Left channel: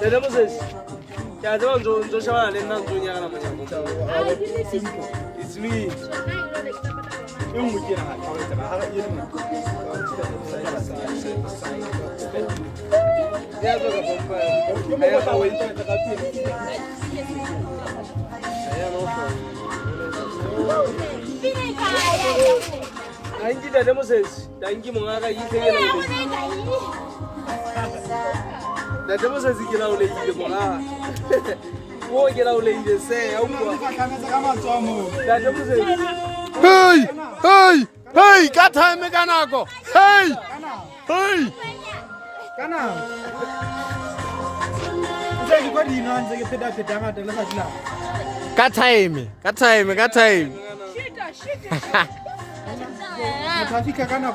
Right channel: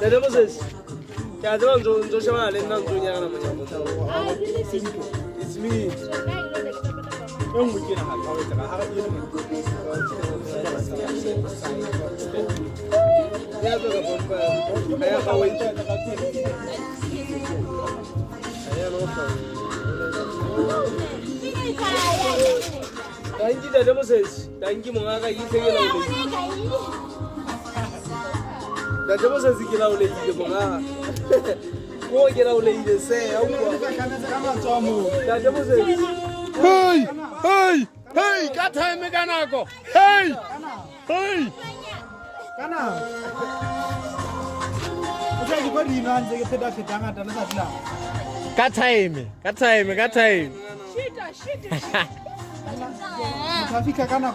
Dede Moses, ya zaman zo shawara ne nan duniya kana manya ko. It's me. In muke na hawa ta har yin mu. Ya zo ga bomba. Ya kawai ta kafi. Ya no so. Dangi Dede Moses, dangi mun aka yi sai yana da. Dede Moses kila ule yi ko na. Wo kila ule yi sai au kwa. Dede Moses. Hey, katame kanako. Hey. Kana. Uzeki kwa dino anze peda ngata la satla. Katame. Shida. Mtafika kana